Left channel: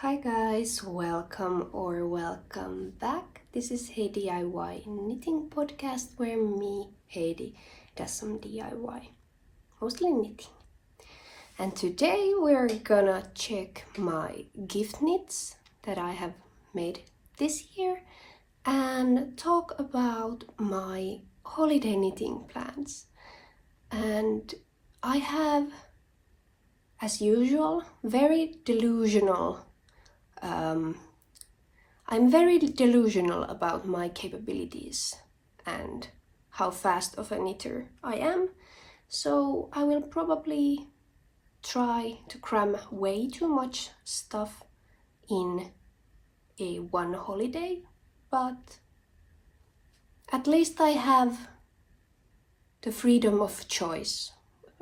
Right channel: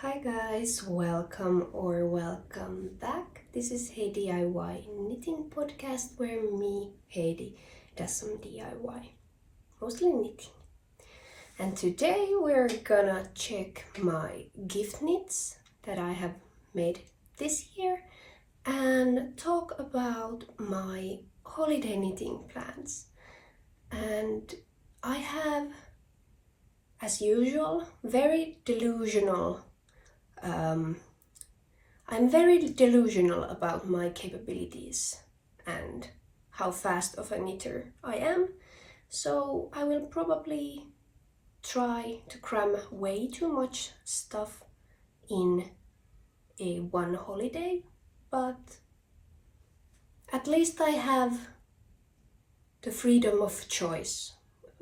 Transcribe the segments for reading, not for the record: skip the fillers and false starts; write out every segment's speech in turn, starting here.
Hi guys, welcome back. This is Hey DIY knitting podcast where me, Heidi, does some DIY, mostly knitting. And today we're gonna check my gift knits that I have made this year and talk about my holiday knitting plans. And I have, as usual, very delusional I'm very delusional about my capabilities and how fast of a knitter I am, so I will probably try to cram way too much stuff in one holiday, but at least I have the freedom of choice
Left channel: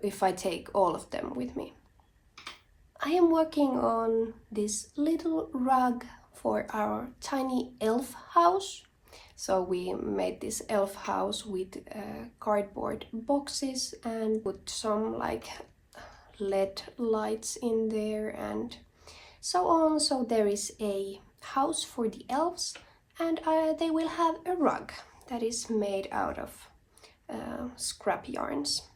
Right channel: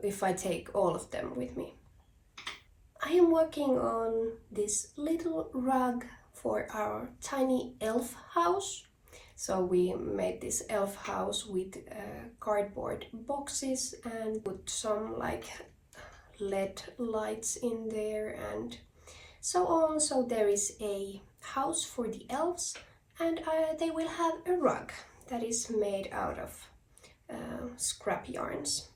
if I take all of them with me. I am working on this little rug for our tiny elf house. So we made this elf house with cardboard boxes and put some like LED lights in there and so on. So there is a house for the elves and they will have a rug that is made out of scrap yarns.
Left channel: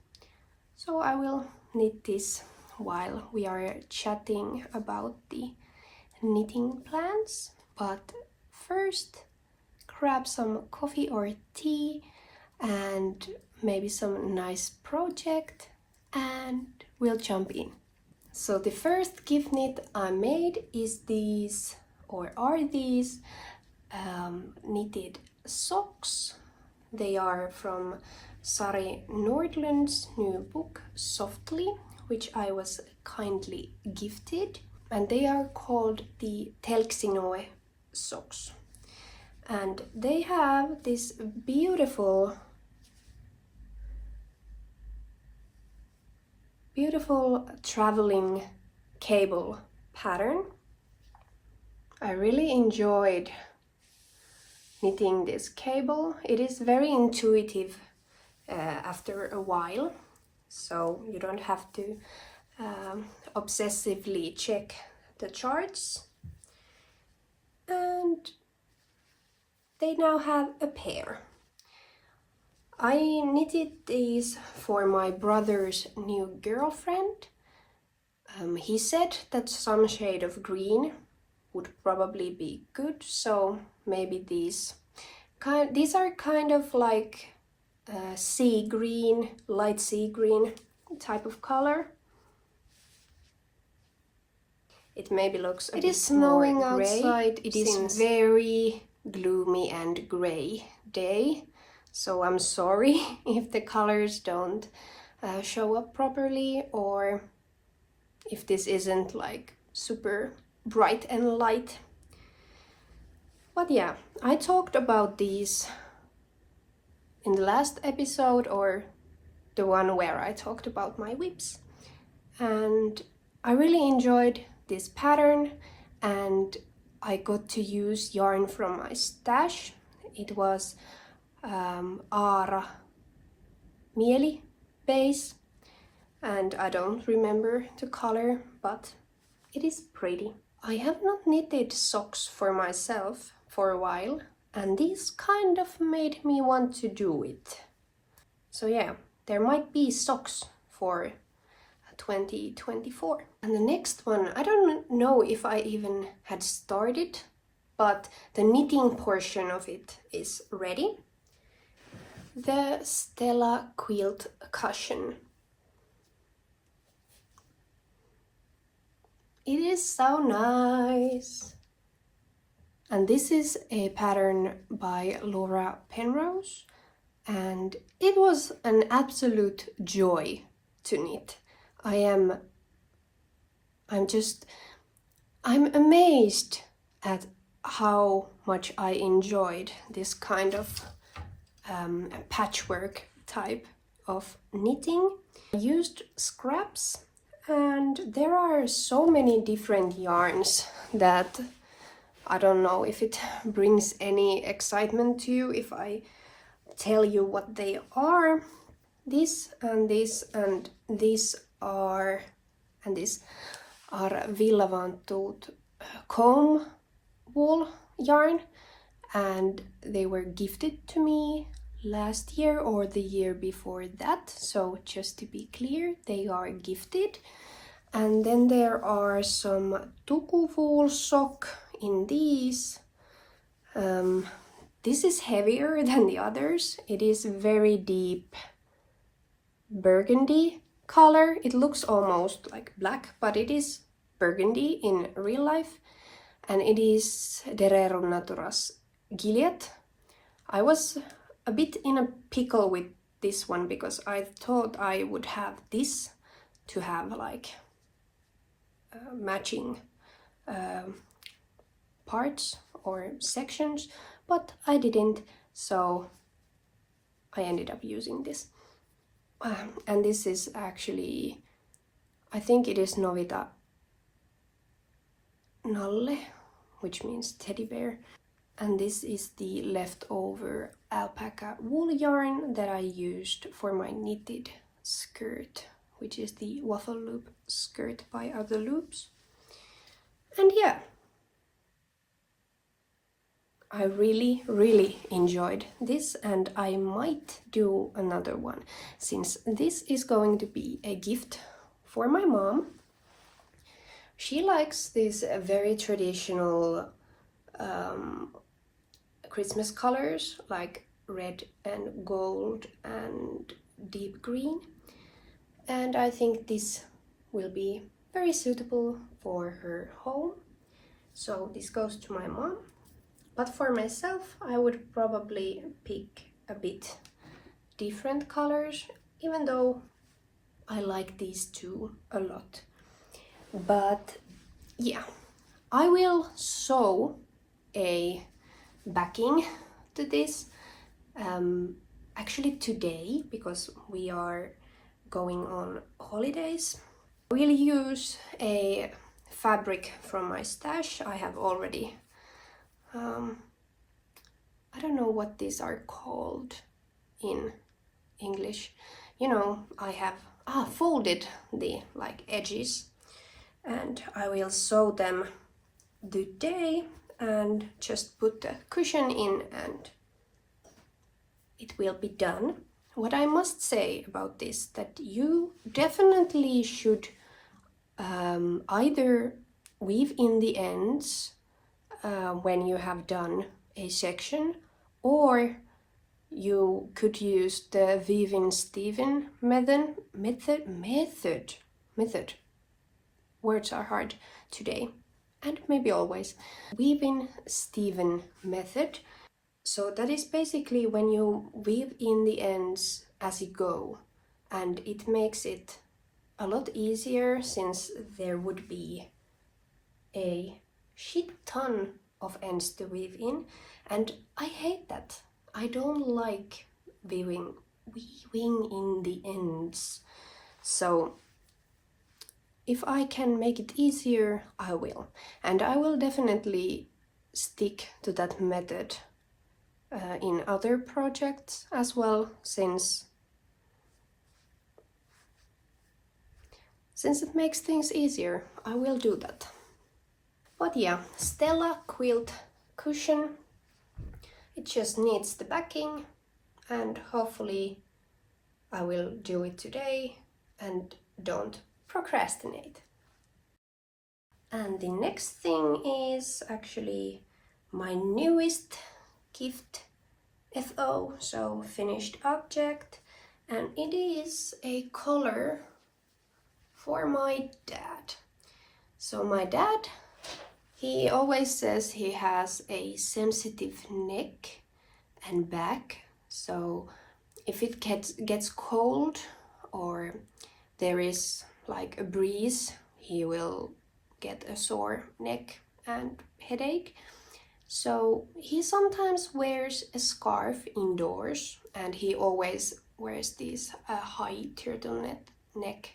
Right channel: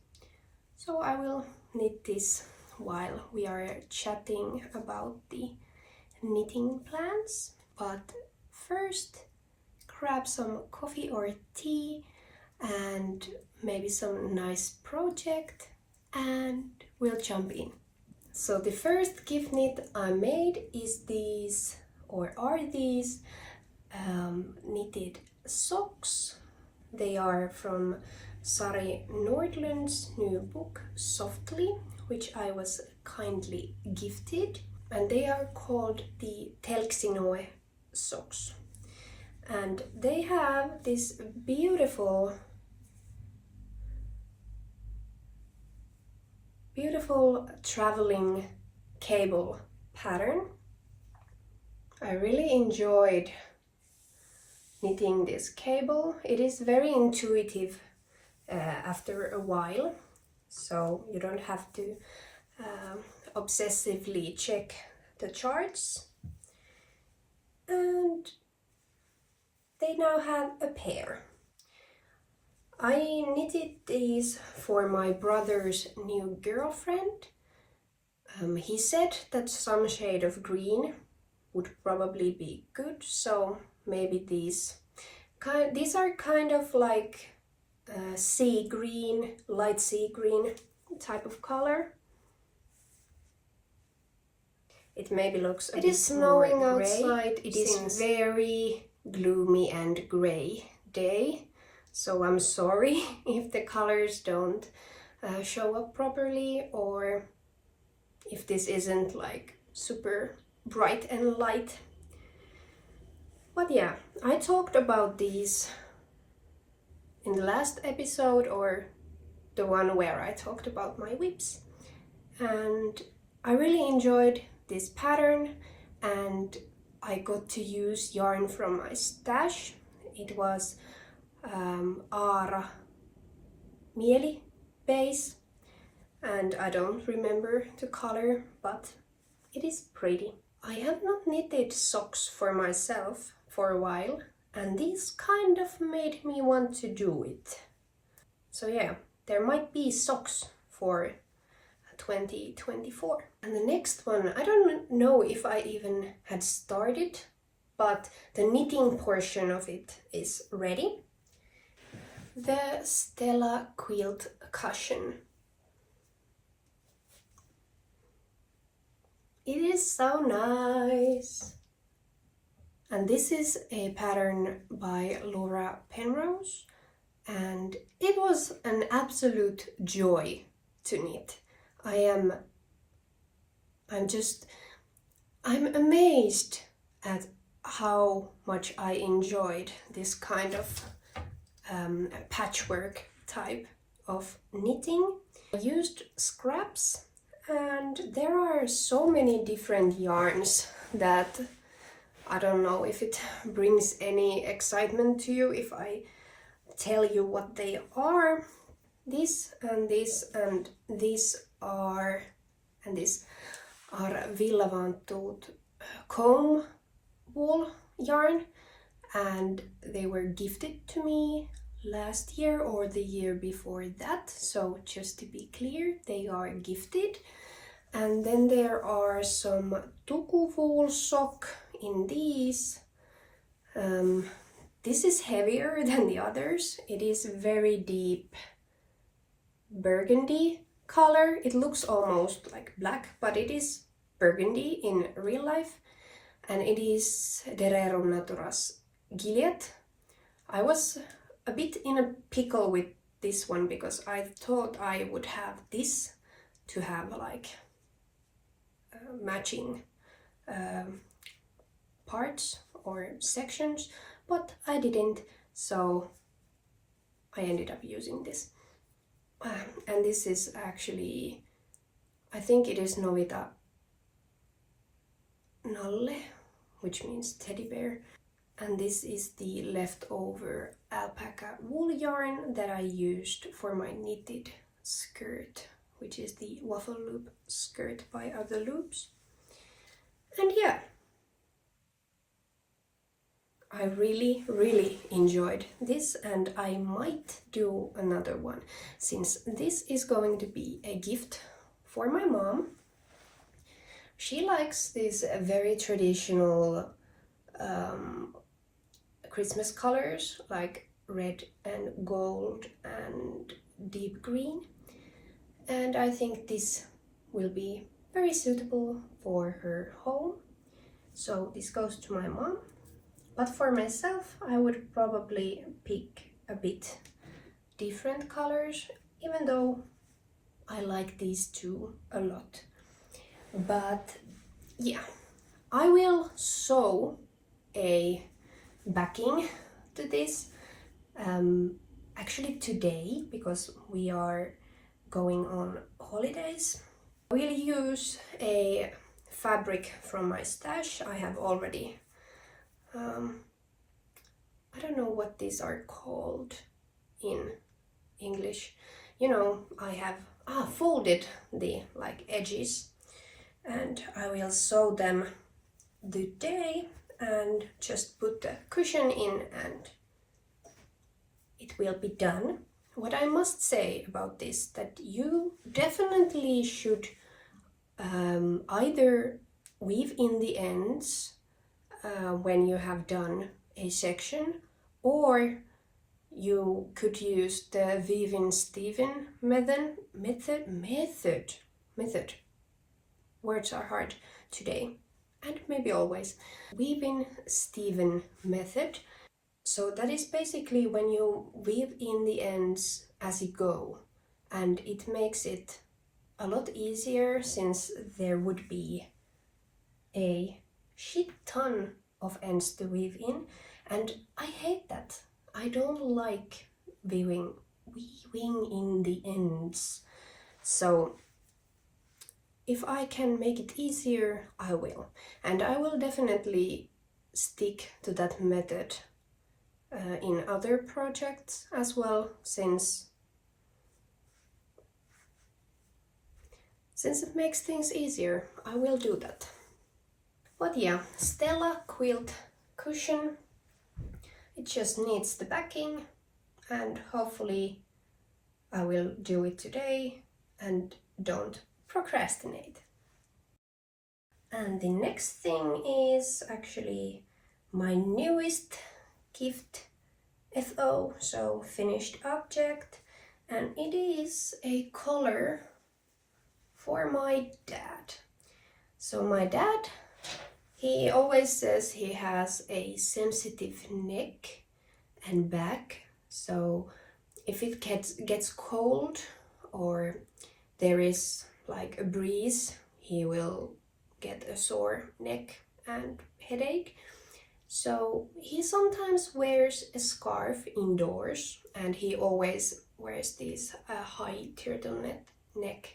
So I will knit this while we are chatting about the knitting plans. But first, grab some coffee or tea and maybe some nice project and we'll jump in. So the first gift knit I made is these knitted socks. They are from Sari Nordlund's new book Softly, which I was kindly gifted, and they are called the Thelxinoe socks. And they have this beautiful traveling cable pattern. I really enjoyed knitting this cable. It is very intuitive after a while. So you don't have to obsessively check the charts. And they now have a pair. I knitted these for my brother's new girlfriend. He said that some shade of green would probably be good, so maybe these are kind of like sea green, light sea green type of color. It maybe looks a bit snowing outside. It is very gloomy and grey day, so I'm sorry if the colors don't show up properly or if this isn't like super bright and light. But yeah, I talked about these in the last episode or the one where I talked about my whips, and I really enjoyed this pattern and I got to use yarn from my stash. It was Aara Mieli base and I don't remember the color, but it is pretty. I have not knitted socks for myself for a while, and this kind of made me want to do it. So yeah, there might be socks for 2024. And the next one, I don't know if I even had started, but the knitting portion of it is ready. The Stella quilt cushion. It is so nice. And this is a pattern by Laura Penrose, and it was an absolute joy to knit. I'm amazed at how much I enjoyed this kind of patchwork type of knitting. I used scraps, and there are so many different yarns that I don't know if it brings any excitement to you if I tell you what they are. This and this and this are Villavantut comb wool yarn, and they were gifted to me last year or the year before that, so just to be clear, they are gifted. And then there are some tuku wool sock in these. This is heavier than the others. It is very deep burgundy color. It looks almost like black, but it is burgundy in real life. And it is Derero Naturas Gilead. I was a bit in a pickle with this one because I thought I would have this to have like matching parts or sections, but I didn't, so I ended up using this. And this is actually, I think it is Novita Nalle, which means teddy bear. And this is the leftover alpaca wool yarn that I used for my knitted skirt, which is the waffle loop skirt by Other Loops. And yeah, I really enjoyed this, and I might do another one, since this is going to be a gift for my mom. She likes these very traditional Christmas colors like red and gold and deep green, and I think this will be very suitable for her home. So this goes to my mom. But for myself, I would probably pick a bit different colors, even though I like these two a lot. But yeah, I will sew a backing to this actually today, because we are going on holidays. I will use a fabric from my stash. I have already I don't know what these are called in English. You know, I have folded the like edges, and I will sew them today and just put the cushion in and it will be done. What I must say about this, that you definitely should either weave in the ends when you have done a section, or you could use the weave-in Steven method. Words are hard today, and maybe always. Weave-in Steven method. So that is basically when you weave in the ends as you go, and it makes it a lot easier, since there would be a shit ton of ends to weave in, and I hate that. I don't like weaving in the ends. So if I can make it easier, I will. And I will definitely stick to that method in other projects as well, since it makes things easier. I will do that. But yeah, Stella quilt cushion. It just needs the backing, and hopefully I will do it today and don't procrastinate. And the next thing is actually my newest gift, FO, so finished object, and it is a collar for my dad. So my dad, he always says he has a sensitive neck and back, so if it gets cold or there is like a breeze, he will get a sore neck and headache. So he sometimes wears a scarf indoors, and he always wears these high turtleneck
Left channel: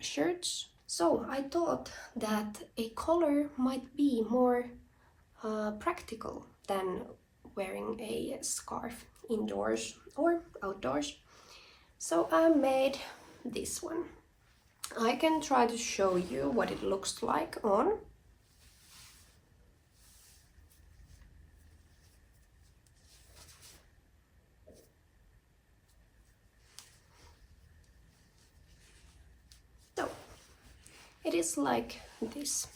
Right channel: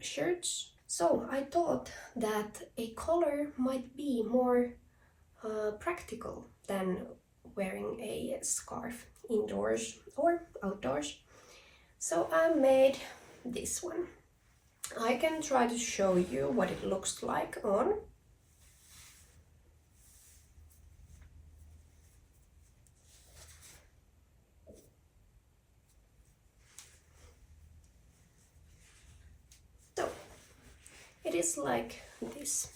shirts. So I thought that a collar might be more practical than wearing a scarf indoors or outdoors. So I made this one. I can try to show you what it looks like on. it is like this.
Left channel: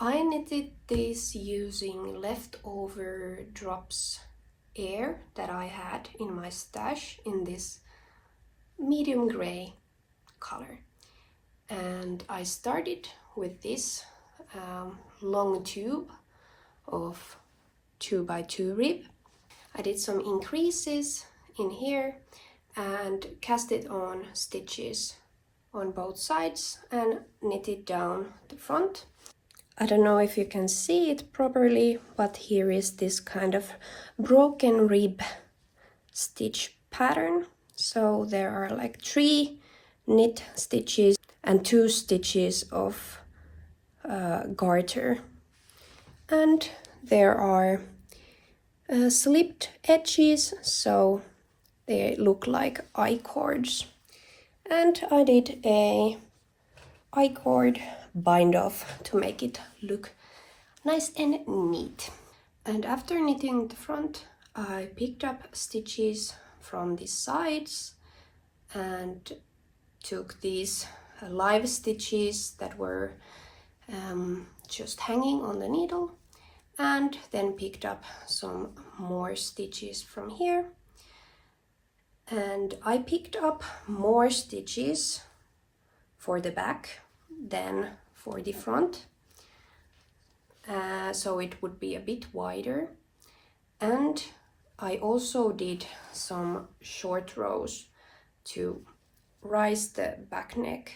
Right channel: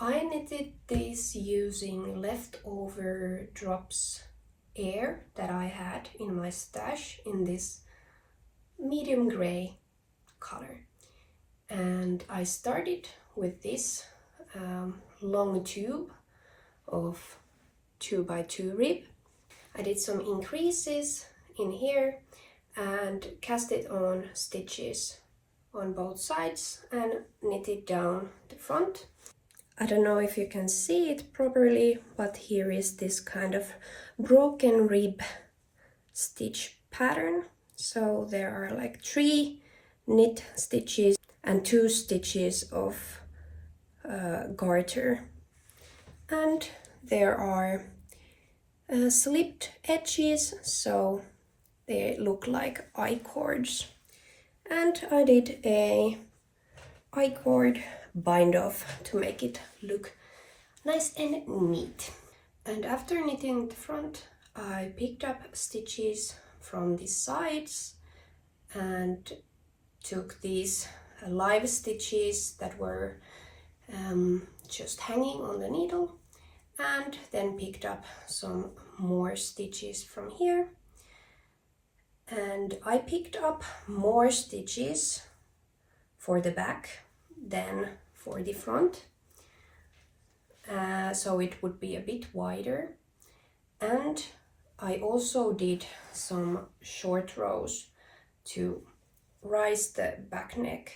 I knitted this using leftover drops air that I had in my stash in this medium gray color. And I started with this long tube of 2x2 rib. I did some increases in here and cast it on stitches on both sides and knitted down the front. I don't know if you can see it properly, but here is this kind of broken rib stitch pattern. So there are like 3 knit stitches and 2 stitches of garter. And there are slipped edges, so they look like I-cords. And I did a I-cord bind off to make it look nice and neat. And after knitting the front, I picked up stitches from the sides and took these live stitches that were just hanging on the needle, and then picked up some more stitches from here. And I picked up more stitches for the back than for the front, so it would be a bit wider. And I also did some short rows to rise the back neck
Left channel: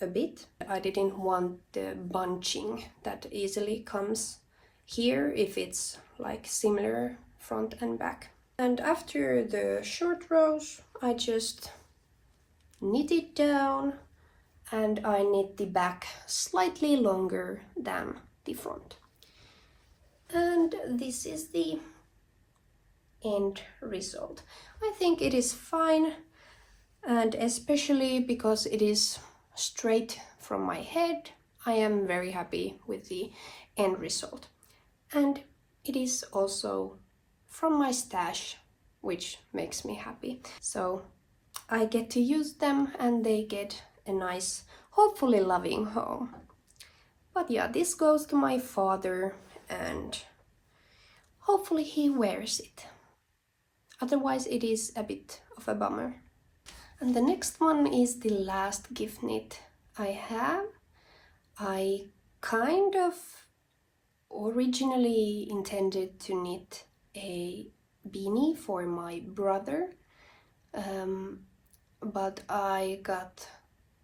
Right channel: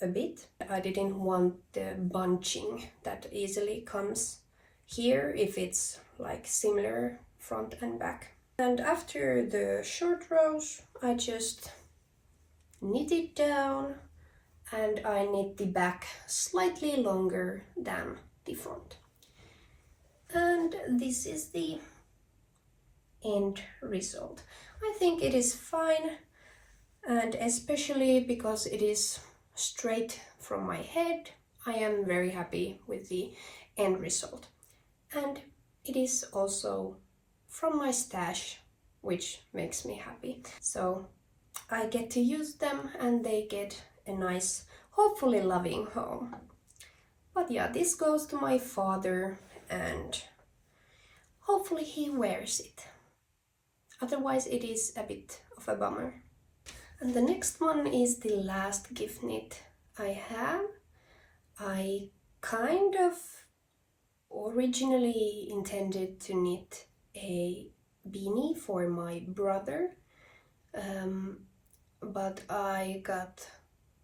a bit. I didn't want the bunching that easily comes here if it's like similar front and back. And after the short rows, I just knit it down, and I knit the back slightly longer than the front. And this is the end result. I think it is fine, and especially because it is straight from my head, I am very happy with the end result. And it is also from my stash, which makes me happy. So I get to use them and they get a nice, hopefully loving home. But yeah, this goes to my father and hopefully he wears it. Otherwise it is a bit of a bummer. And the next one is the last gift knit I have. I kind of originally intended to knit a beanie for my brother, but I got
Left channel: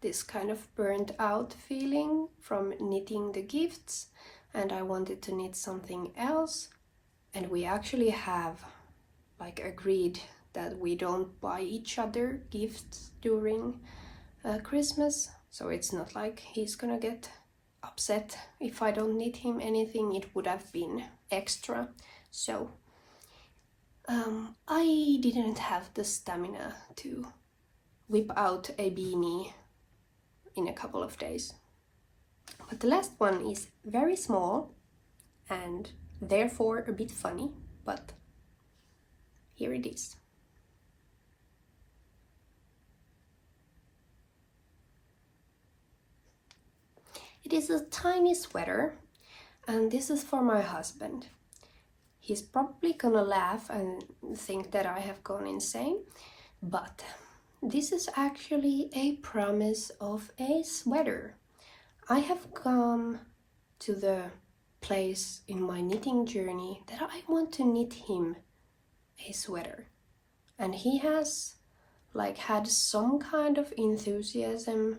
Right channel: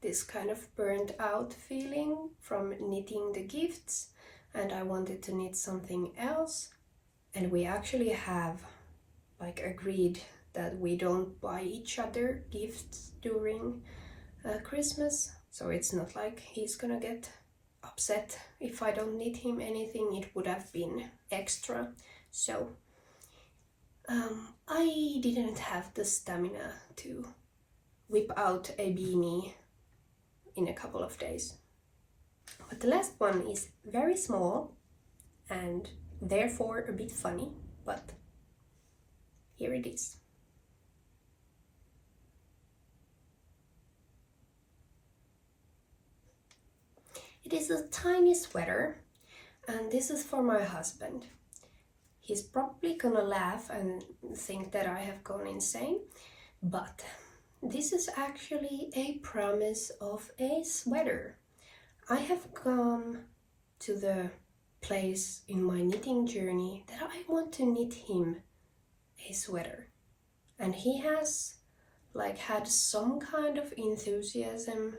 this kind of burnt out feeling from knitting the gifts, and I wanted to knit something else. And we actually have like agreed that we don't buy each other gifts during Christmas, so it's not like he's gonna get upset if I don't knit him anything. It would have been extra. So I didn't have the stamina to whip out a beanie in a couple of days. But the last one is very small and therefore a bit funny, but here it is. It is a tiny sweater, and this is for my husband. He's probably gonna laugh and think that I have gone insane, but this is actually a promise of a sweater. I have come to the place in my knitting journey that I want to knit him a sweater, and he has like had some kind of enthusiasm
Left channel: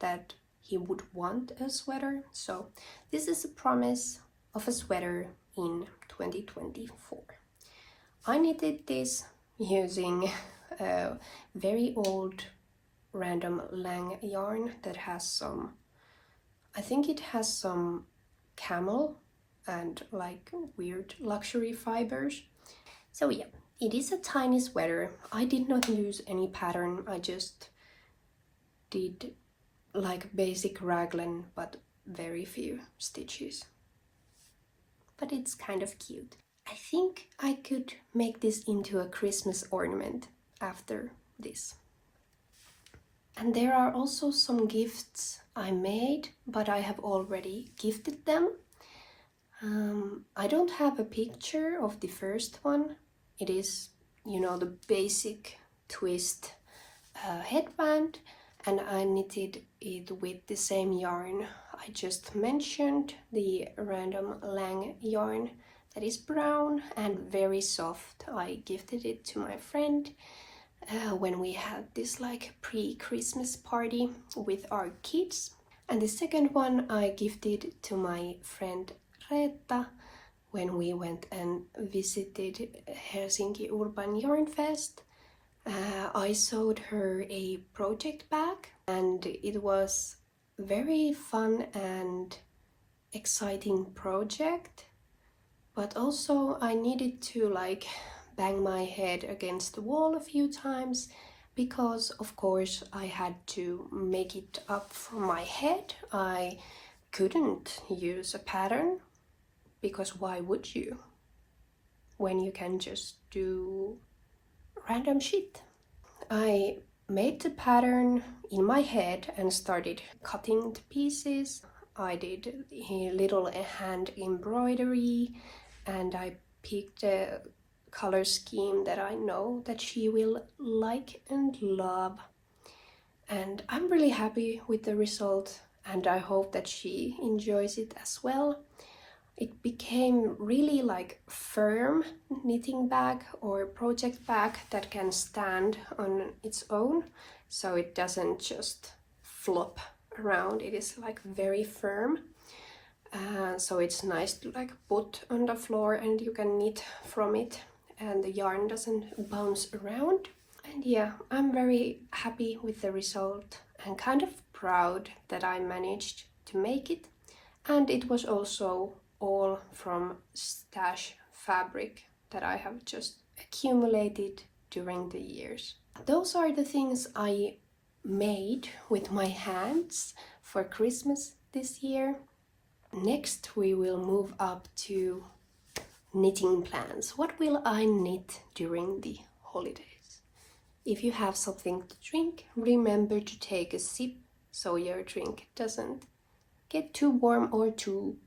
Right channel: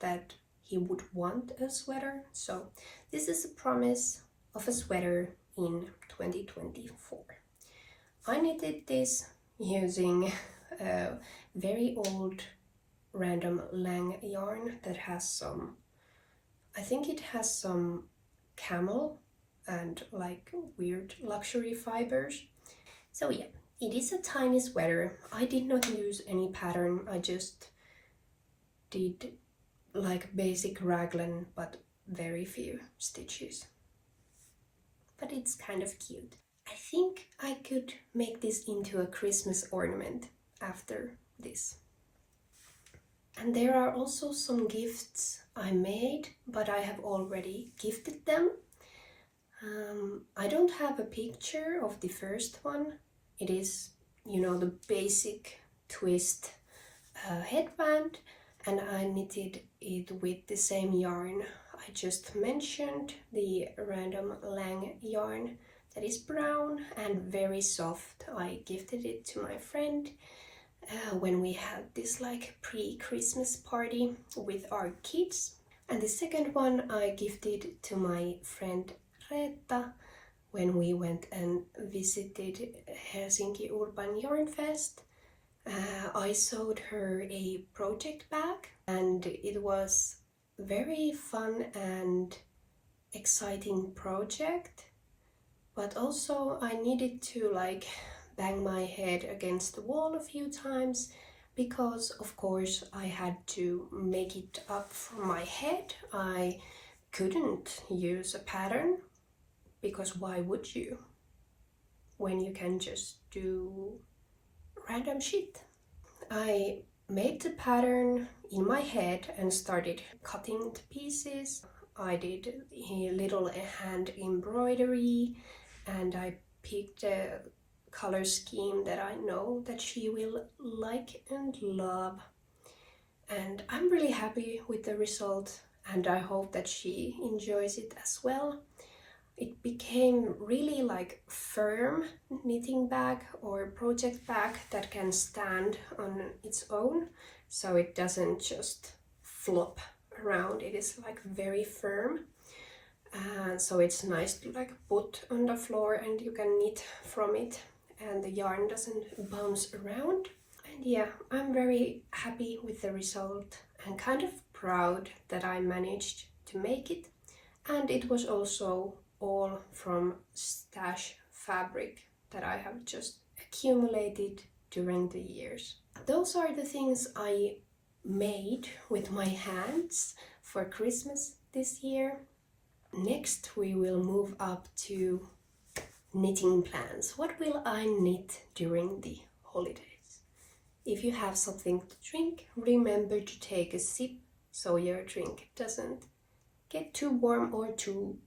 that he would want a sweater. So this is a promise of a sweater in 2024. I knitted this using a very old random Lang yarn that has some, I think it has some camel and like weird luxury fibers. So yeah, it is a tiny sweater. I did not use any pattern, I just did like basic raglan but very few stitches. But it's kind of cute. I think I could make this into a Christmas ornament after this. And there are also some gifts I made, but I have already gifted them. I don't have a picture of the first one. It is, you know, the basic twist headband, and I knitted it with the same yarn I just mentioned, the random Lang yarn that is brown and very soft. I gifted it to my friend when we had this like pre-Christmas party with our kids. And the second one I gifted to my friend Reetta when we went and visited Helsinki Urban Yarn Fest. I sewed her a project bag, and it was very fun and exciting project, but also I needed to like bang my head against the wall a few times because of course I had to make it up for my head. I couldn't use a pattern because why would you when you can just do random shit. I made the pattern in my head and started cutting the pieces. I did a little hand embroidery, and I picked a color scheme that I know that she will like and love. And I'm really happy with the result, and I hope that she enjoys it as well. It became really like firm knitting bag or project bag that can stand on its own, so it doesn't just flop around. It is like very firm, so it's nice to like put on the floor and you can knit from it and the yarn doesn't bounce around. And yeah, I'm very happy with the result and kind of proud that I managed to make it. And it was also all from stash fabric that I have just accumulated during the years. Those are the things I made with my hands for Christmas this year. Next we will move up to knitting plans. What will I knit during the holidays? If you have something to drink, remember to take a sip so your drink doesn't get too warm or too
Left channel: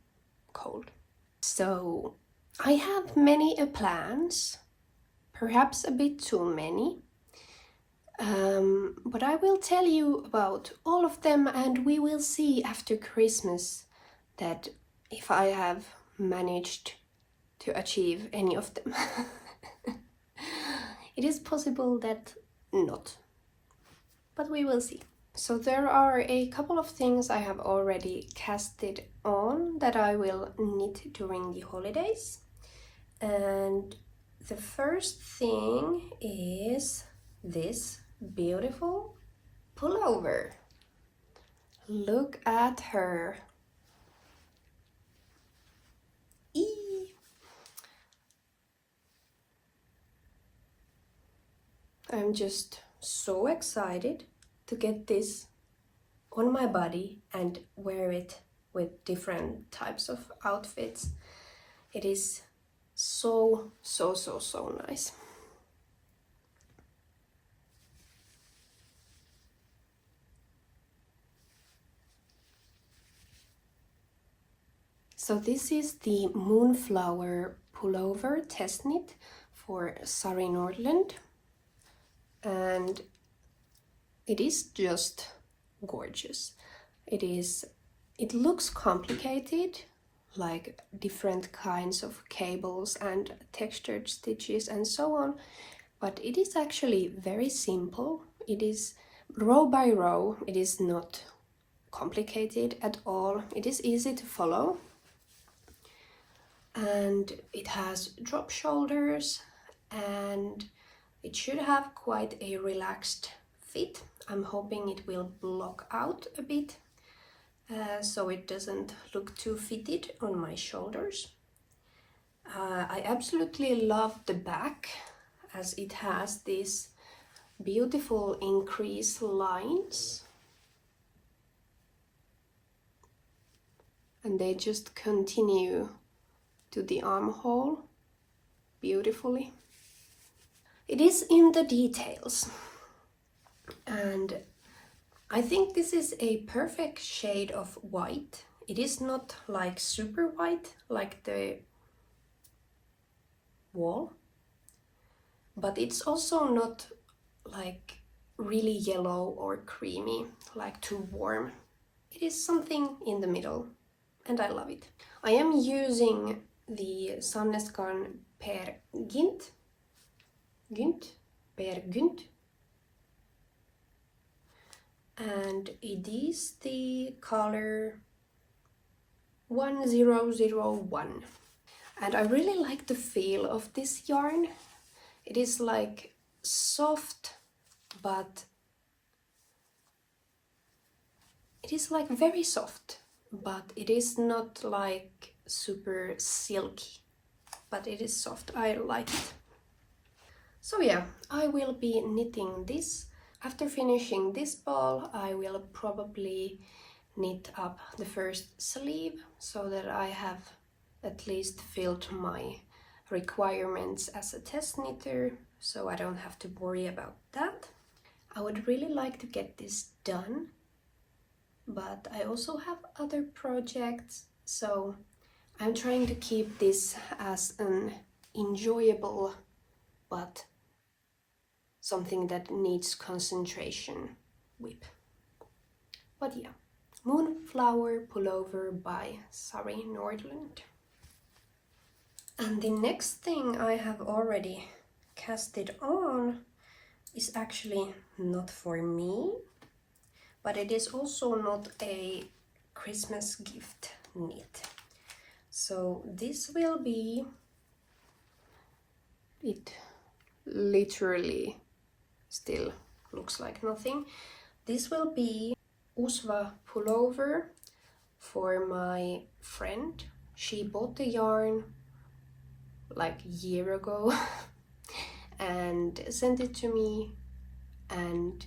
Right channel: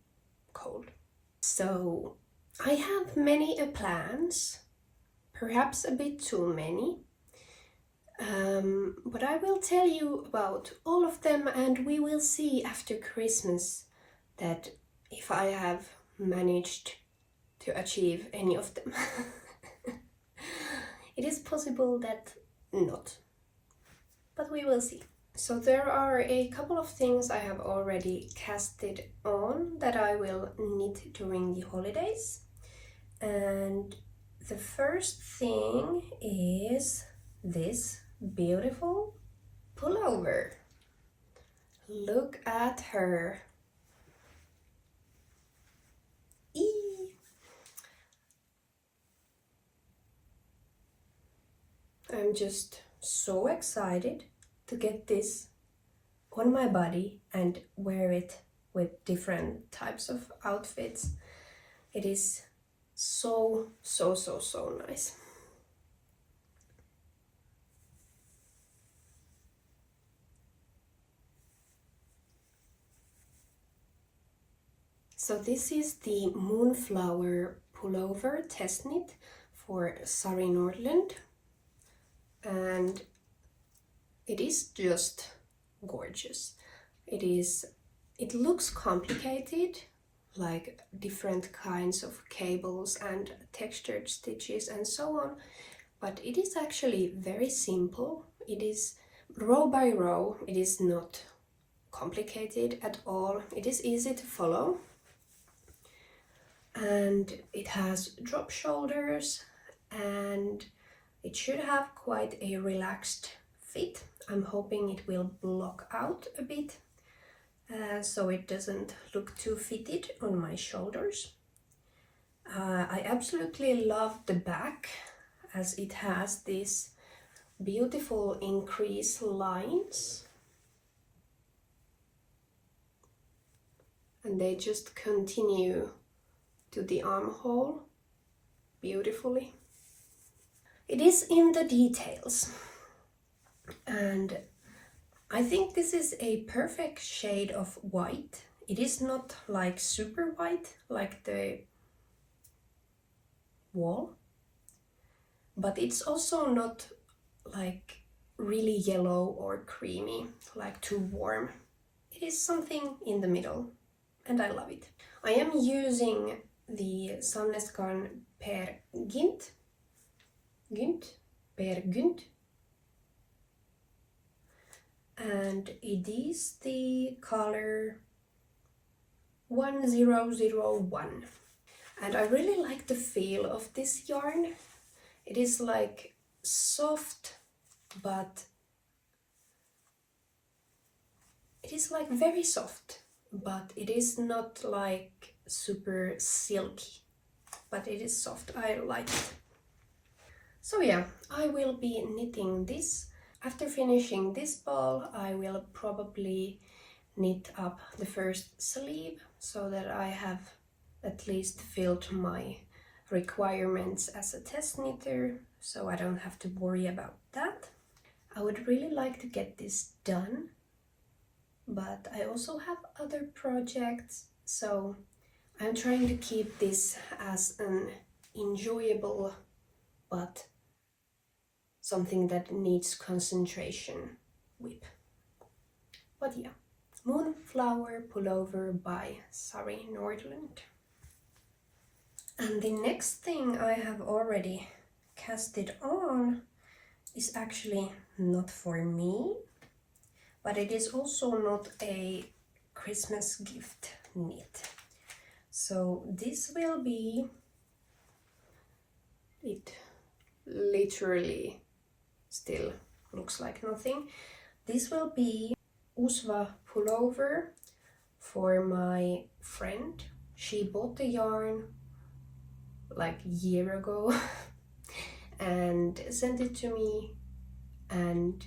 cold. So I have many plans, perhaps a bit too many, but I will tell you about all of them, and we will see after Christmas that if I have managed to achieve any of them. It is possible that not, but we will see. So there are a couple of things I have already casted on that I will knit during the holidays. And the first thing is this beautiful pullover. Look at her. Eee. I'm just so excited to get this on my body and wear it with different types of outfits. It is so nice. So this is the Moonflower pullover test knit for Sari Nordlund, and it is just gorgeous. It looks complicated, like different kinds of cables and textured stitches and so on, but it is actually very simple. It is row by row. It is not complicated at all. It is easy to follow, and it has drop shoulders, and it should have quite a relaxed fit. I'm hoping it will block out a bit so it doesn't look too fitted on my shoulders. I absolutely love the back, as it has these beautiful increase lines, and they just continue to the armhole beautifully. It is in the details, and I think this is a perfect shade of white. It is not like super white, like the wall, but it's also not like really yellow or creamy, like too warm. It is something in the middle, and I love it. I am using the Sandnesgarn per Gynt, and it is the color 1001. And I really like the feel of this yarn. It is like soft, but it is like very soft, but it is not like super silky, but it is soft. I like it. So yeah, I will be knitting this. After finishing this ball, I will probably knit up the first sleeve so that I have at least filled my requirements as a test knitter, so I don't have to worry about that. I would really like to get this done, but I also have other projects, so I'm trying to keep this as an enjoyable but something that needs concentration whip. But yeah, Moonflower pullover by Sari Nordlund. And the next thing I have already casted on is actually not for me, but it is also not a Christmas gift knit. So this will be, it literally still looks like nothing. This will be Usva pullover for my friend. She bought the yarn like a year ago and sent it to me, and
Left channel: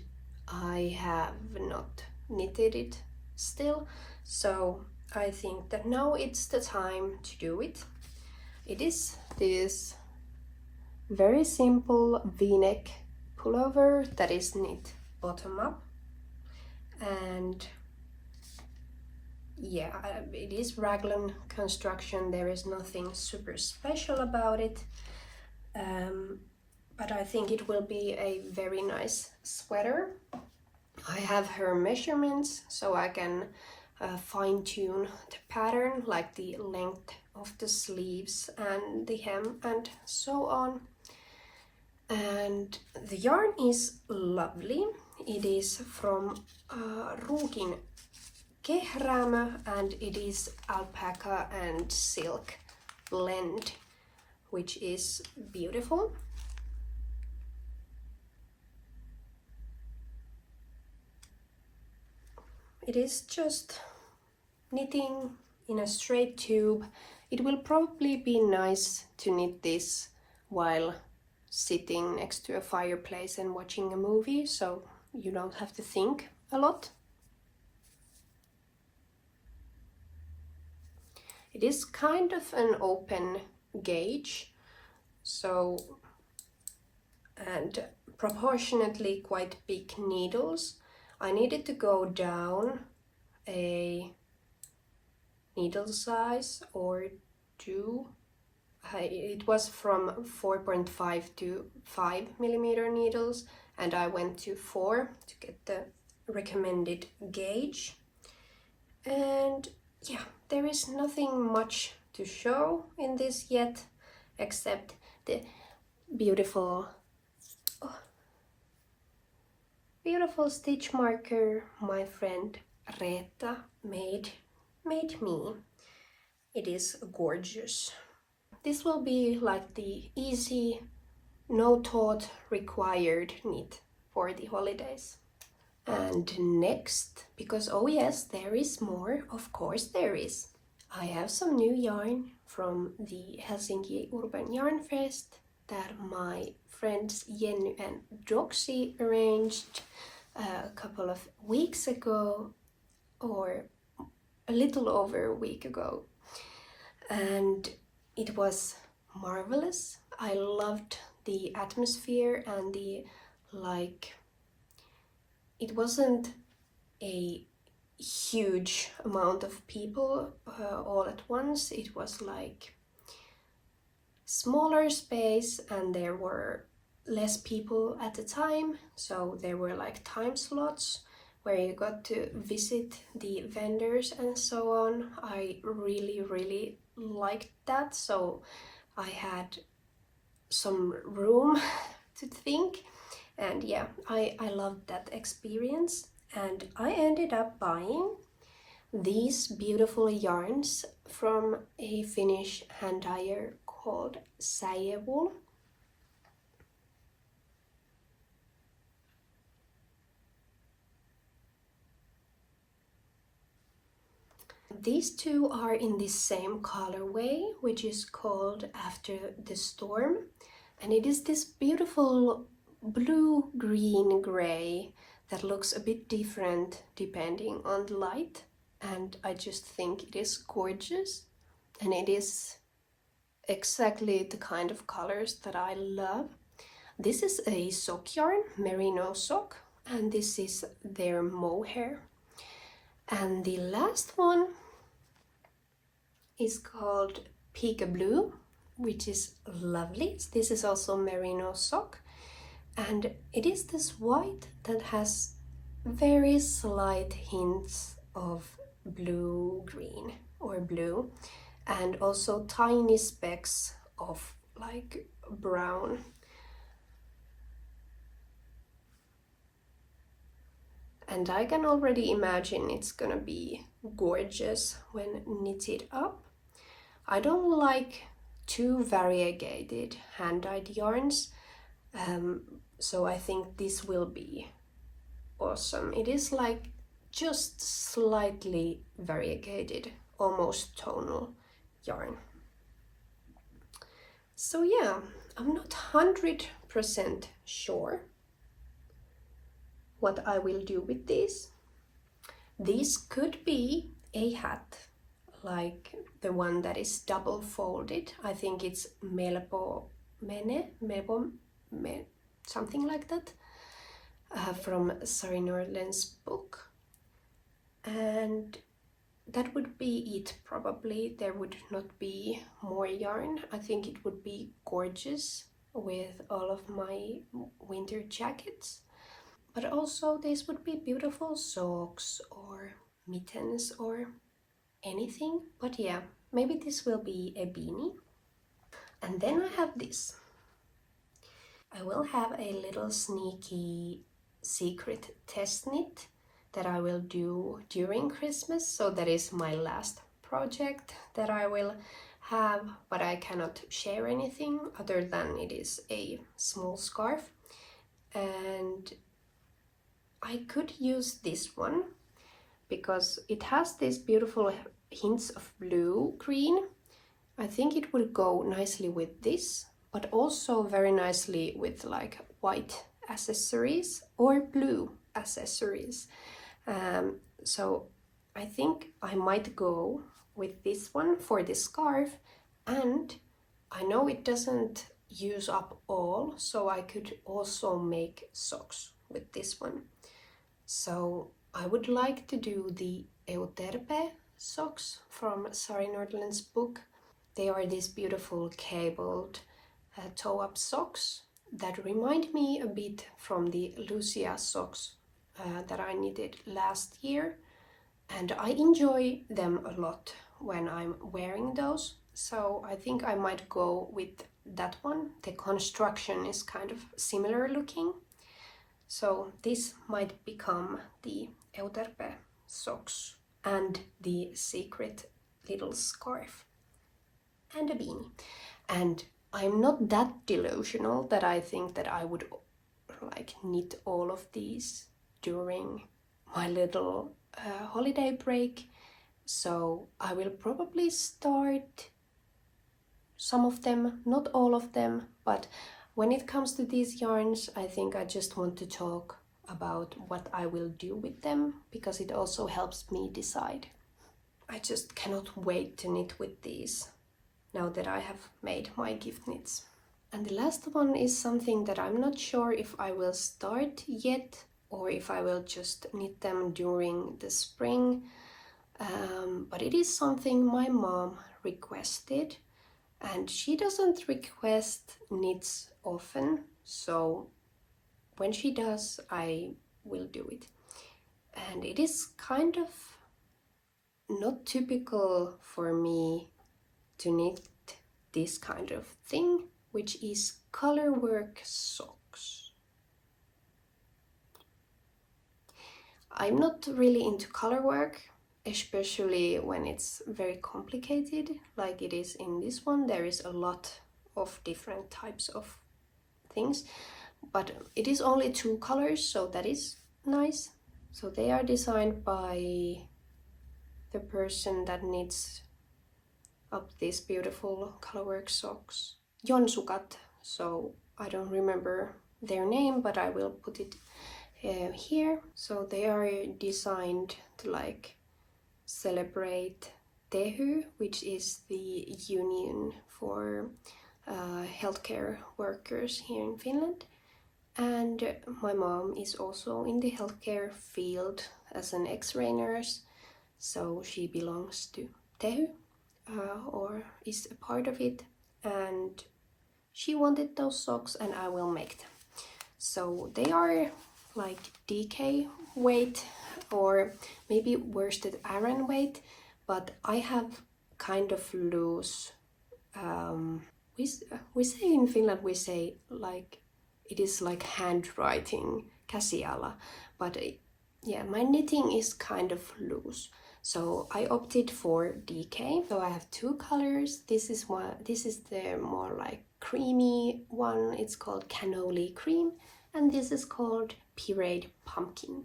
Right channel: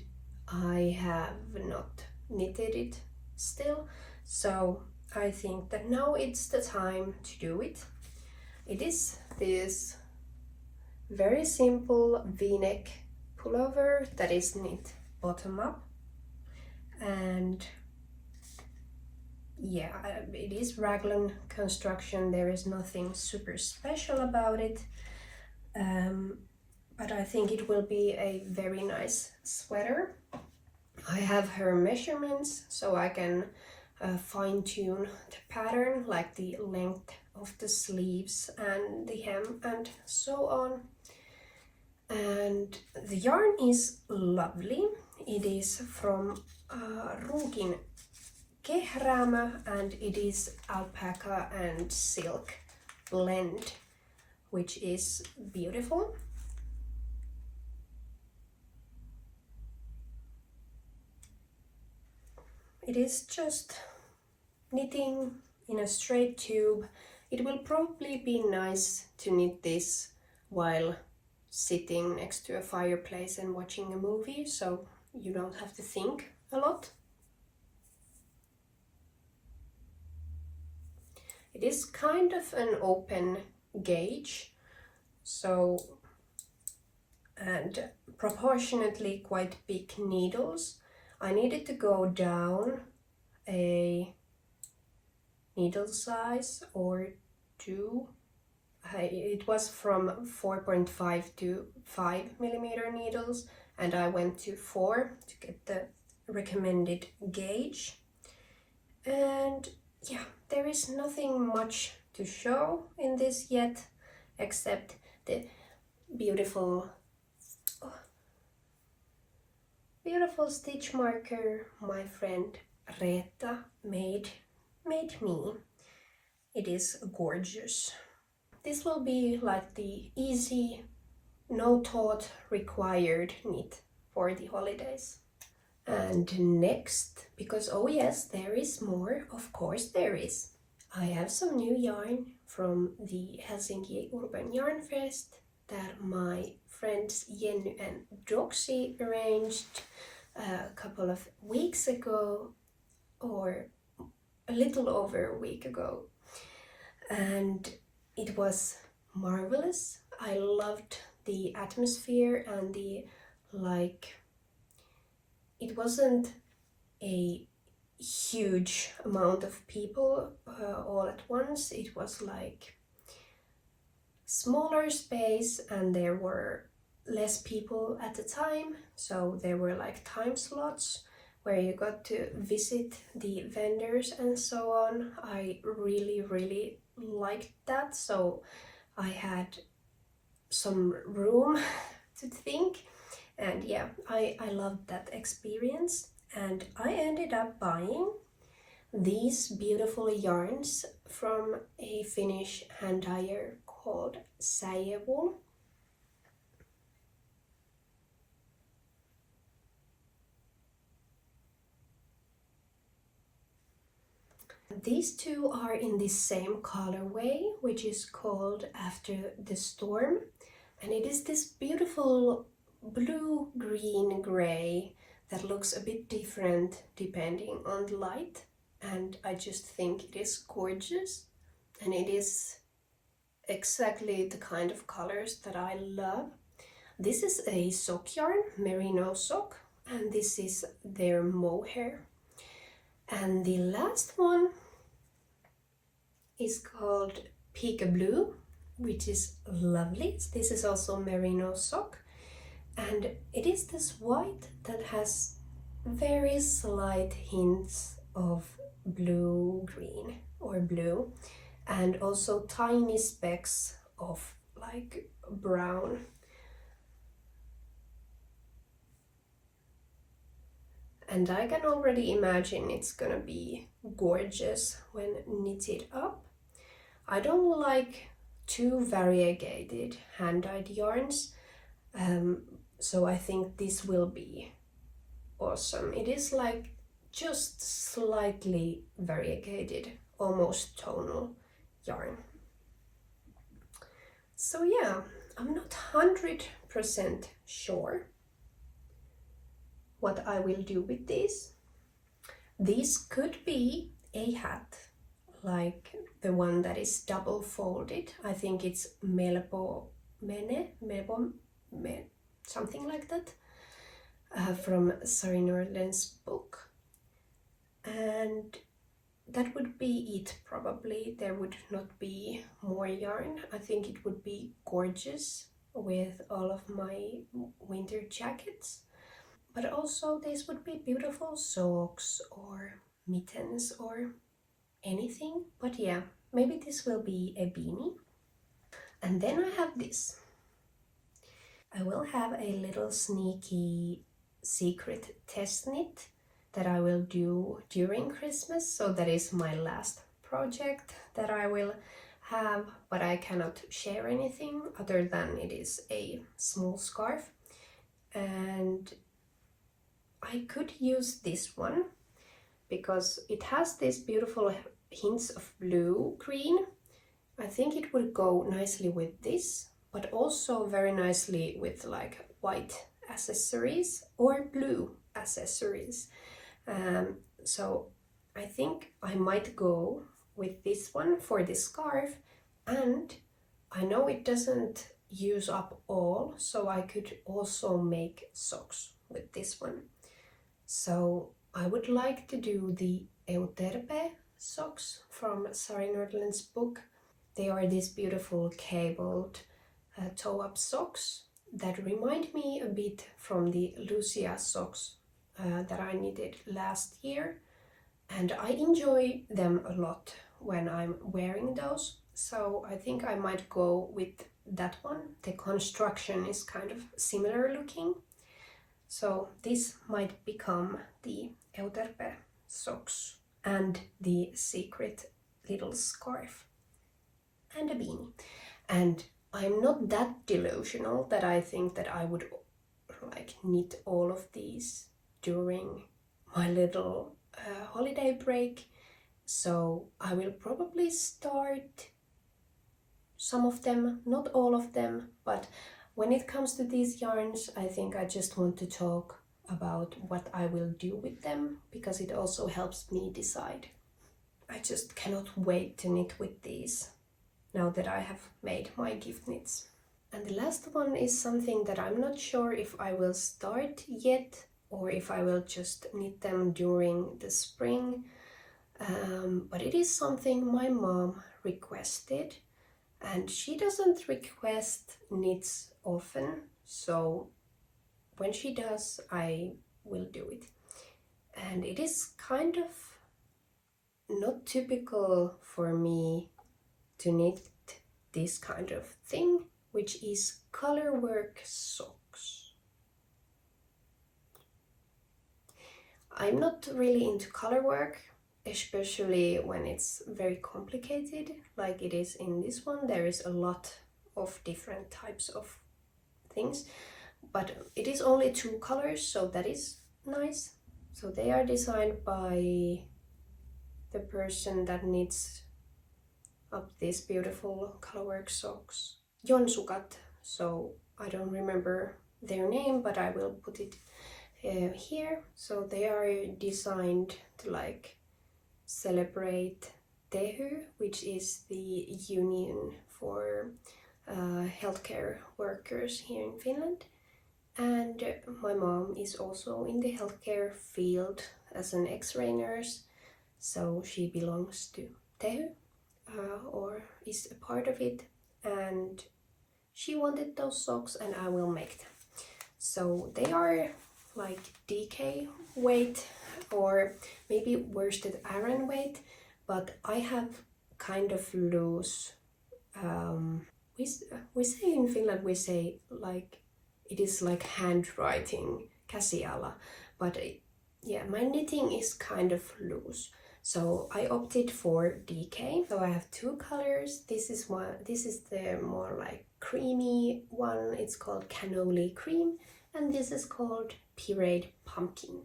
I have not knitted it still, so I think that now it's the time to do it. It is this very simple v-neck pullover that is knit bottom up, and yeah, it is raglan construction. There is nothing super special about it, but I think it will be a very nice sweater. I have her measurements so I can fine-tune the pattern, like the length of the sleeves and the hem and so on. And the yarn is lovely. It is from Ruukin kehräämö, and it is alpaca and silk blend, which is beautiful. It is just knitting in a straight tube. It will probably be nice to knit this while sitting next to a fireplace and watching a movie, so you don't have to think a lot. It is kind of an open gauge, so, and proportionately quite big needles. I needed to go down a needle size or two. It was from 4.5 to 5 millimeter needles, and I went to 4 to get the recommended gauge. And yeah, there is nothing much to show in this yet, except the beautiful stitch marker my friend Reetta made me. It is gorgeous. This will be like the easy, no thought required knit for the holidays. And next, because oh yes, there is more, of course there is. I have some new yarn from the Helsinki Urban Yarn Fest that my friends Jenny and Doxy arranged a couple of weeks ago, or a little over a week ago, and it was marvelous. I loved the atmosphere and the, like, it wasn't a huge amount of people all at once. It was like smaller space and there were less people at the time, so there were like time slots where you got to visit the vendors and so on. I really liked that, so I had some room to think, and yeah, I loved that experience. And I ended up buying these beautiful yarns from a Finnish hand dyer called Säie wool. These two are in the same colorway, which is called After the Storm, and it is this beautiful blue, green, gray that looks a bit different depending on the light, and I just think it is gorgeous, and it is exactly the kind of colors that I love. This is a sock yarn, Merino sock, and this is their Mohair. And the last one is called Peekaboo, which is lovely. This is also Merino sock, and it is this white that has very slight hints of blue, green or blue, and also tiny specks of like brown. And I can already imagine it's gonna be gorgeous when knitted up. I don't like too variegated hand-dyed yarns, so I think this will be awesome. It is like just slightly variegated, almost tonal yarn. So yeah, I'm not 100% sure what I will do with these. This could be a hat, like the one that is double folded. I think it's something like that, from Sari Nordlund's book. And that would be it probably. There would not be more yarn. I think it would be gorgeous with all of my winter jackets. But also this would be beautiful socks or mittens or anything. But yeah, maybe this will be a beanie. And then I have this. I will have a little sneaky secret test knit that I will do during Christmas. So that is my last project that I will have, but I cannot share anything other than it is a small scarf. And I could use this one because it has these beautiful hints of blue, green. I think it would go nicely with this, but also very nicely with like white accessories or blue accessories. So I think I might go with this one for the scarf, and I know it doesn't use up all, so I could also make socks with this one. So I would like to do the Euterpe socks from Sari Nordlund's book. They are these beautiful cabled toe-up socks that remind me a bit from the Lucia socks that I knitted last year, and I enjoy them a lot when I'm wearing those. So I think I might go with that one. The construction is kind of similar looking. So this might become the Euterpe socks and the secret little scarf and a beanie. And I'm not that delusional that I think that I would like knit all of these during my little holiday break. So I will probably start some of them, not all of them, but when it comes to these yarns, I think I just want to talk about what I will do with them, because it also helps me decide. I just cannot wait to knit with these now that I have made my gift knits. And the last one is something that I'm not sure if I will start yet, or if I will just knit them during the spring. But it is something my mom requested, and she doesn't request knits often, so when she does, I will do it. And it is kind of not typical for me to knit this kind of thing, which is color work socks. I'm not really into color work, especially when it's very complicated like it is in this one. There is a lot of different types of things, but it is only 2 colors, so that is nice. So they are designed by the person that knits up these beautiful colorwork socks, sukat. So I don't remember their name, but I will put it here. So they are designed to like celebrate Tehy, which is the union for healthcare workers here in Finland. And my mom is also in the healthcare field as an X-ray nurse, so she belongs to Tehy, or is a part of it, and she wanted those socks and I will make them. So they are like DK weight, or maybe worsted Aran weight, but I have kind of loose, we say in Finland, we say like, it is like handwriting, käsiala, but yeah, my knitting is kind of loose. So I opted for DK. So I have 2 colors. This is the more like creamy one. It's called Cannoli Cream, and this is called Pureed Pumpkin.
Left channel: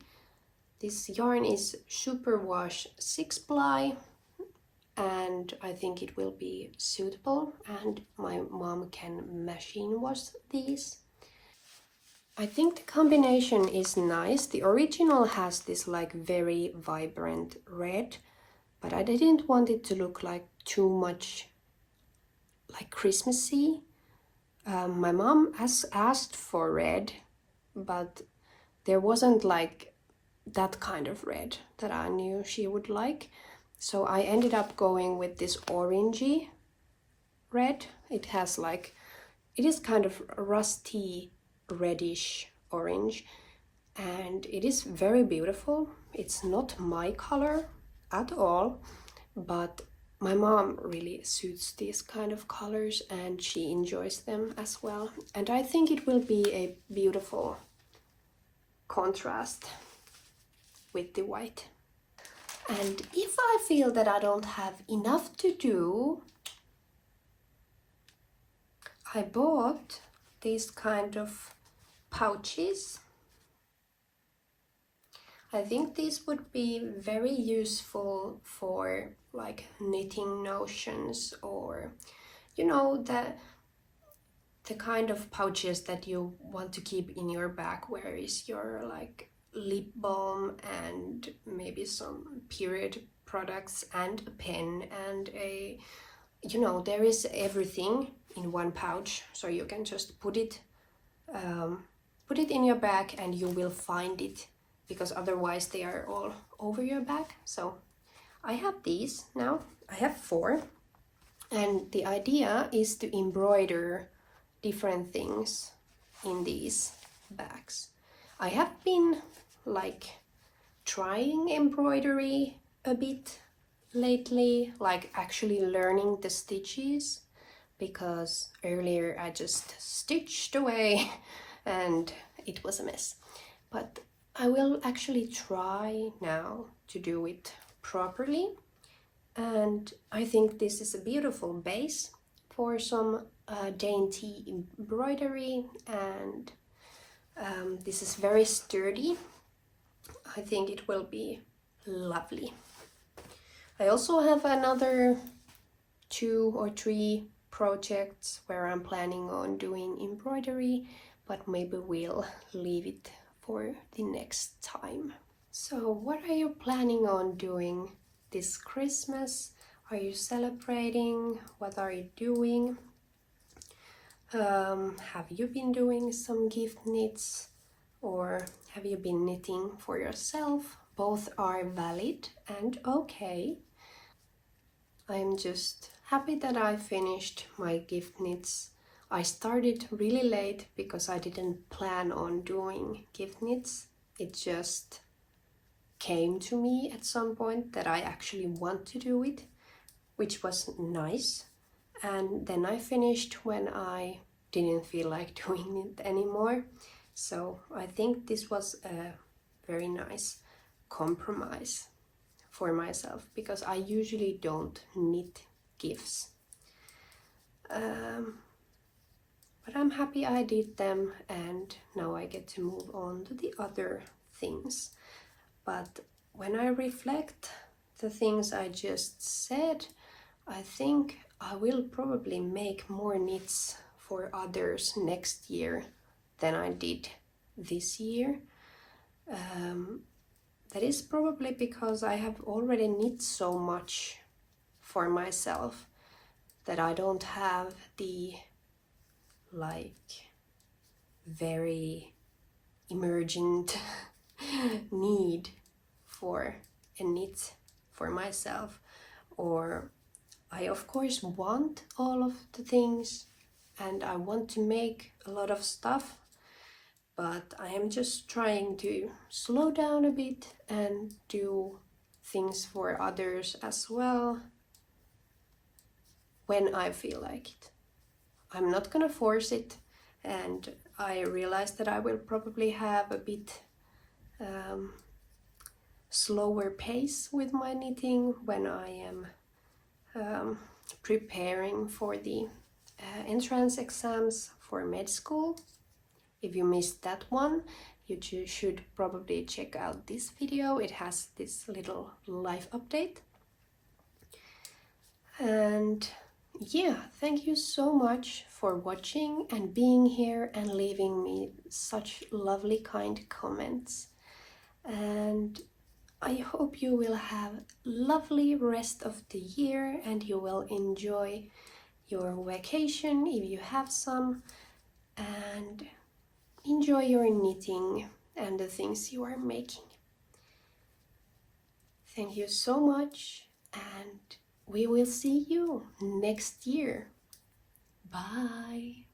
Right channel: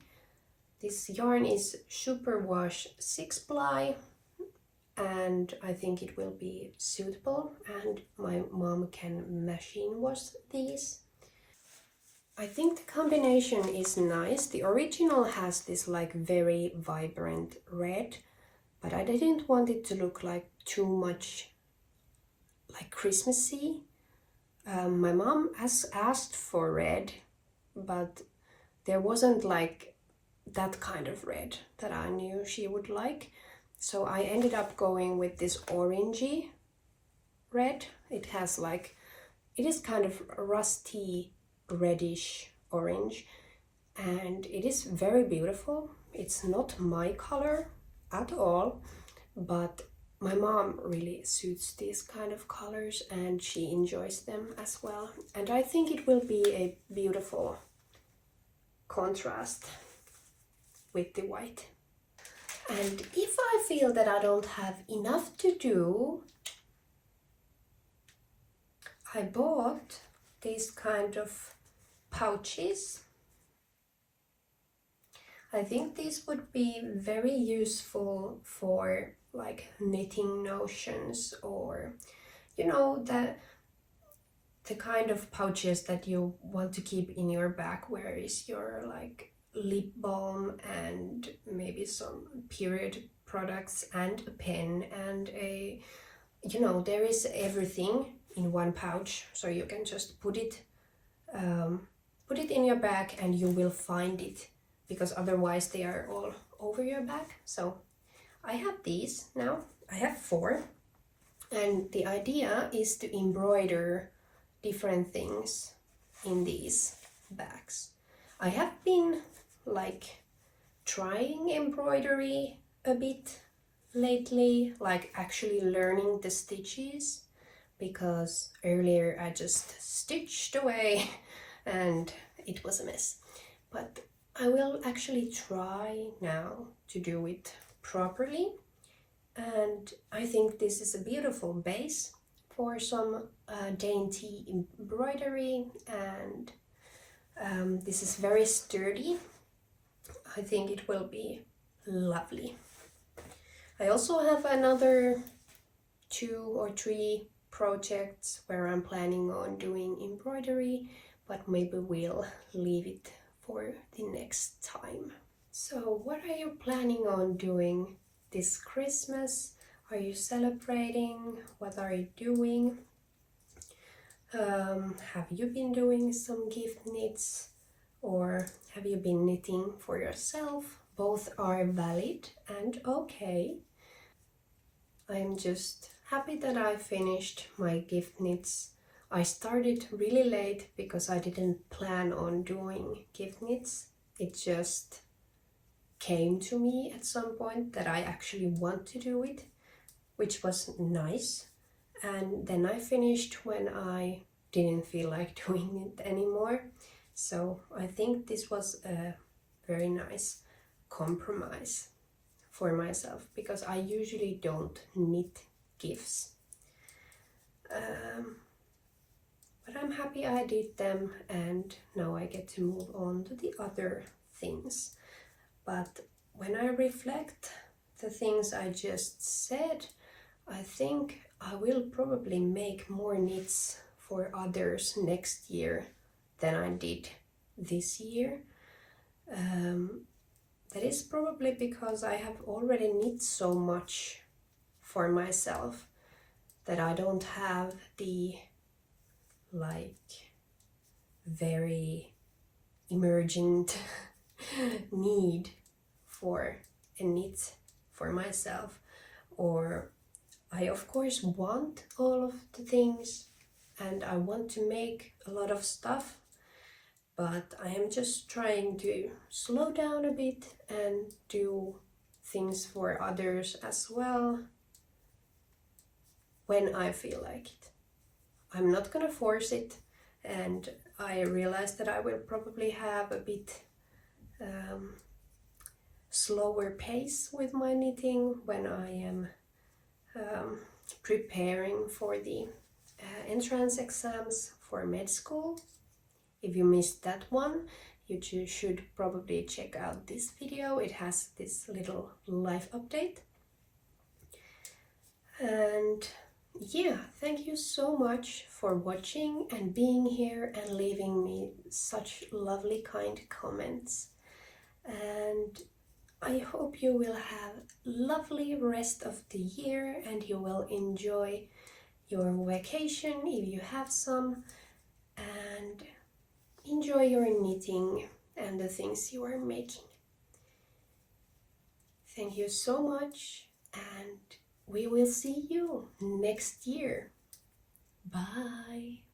This yarn is superwash 6-ply, and I think it will be suitable, and my mom can machine wash these. I think the combination is nice. The original has this like very vibrant red, but I didn't want it to look like too much like Christmassy. My mom has asked for red, but there wasn't like that kind of red that I knew she would like. So I ended up going with this orangey red. It has like, it is kind of rusty reddish orange, and it is very beautiful. It's not my color at all, but my mom really suits these kind of colors and she enjoys them as well, and I think it will be a beautiful contrast with the white. And if I feel that I don't have enough to do, I bought these kind of pouches. I think these would be very useful for like knitting notions, or you know, the kind of pouches that you want to keep in your bag, where is your like lip balm and maybe some period products and a pen and a, you know, there is everything in one pouch, so you can just put it in your bag and you will find it, because otherwise they are all over your bag. So I have these now. I have 4, and the idea is to embroider different things in these bags. I have been like trying embroidery a bit lately, like actually learning the stitches, because earlier I just stitched away and it was a mess. But I will actually try now to do it properly, and I think this is a beautiful base for some dainty embroidery, and this is very sturdy. I think it will be lovely. I also have another 2 or 3 projects where I'm planning on doing embroidery, but maybe we'll leave it for the next time. So what are you planning on doing this Christmas? Are you celebrating? What are you doing? Have you been doing some gift knits, or have you been knitting for yourself? Both are valid and okay. I'm just happy that I finished my gift knits. I started really late because I didn't plan on doing gift knits. It just came to me at some point that I actually want to do it, which was nice. And then I finished when I didn't feel like doing it anymore. So I think this was a very nice compromise for myself, because I usually don't knit gifts. But I'm happy I did them, and now I get to move on to the other things. But when I reflect the things I just said, I think I will probably make more knits for others next year than I did this year. That is probably because I have already knit so much for myself that I don't have the very emergent need for a knit for myself. Or I of course want all of the things and I want to make a lot of stuff, but I am just trying to slow down a bit and do things for others as well when I feel like it. I'm not gonna force it, and I realize that I will probably have a bit slower pace with my knitting when I am preparing for the entrance exams for med school. If you missed that one, you should probably check out this video. It has this little life update. And yeah, thank you so much for watching and being here and leaving me such lovely kind comments. And I hope you will have lovely rest of the year and you will enjoy your vacation if you have some, and enjoy your knitting and the things you are making. Thank you so much, and we will see you next year. Bye!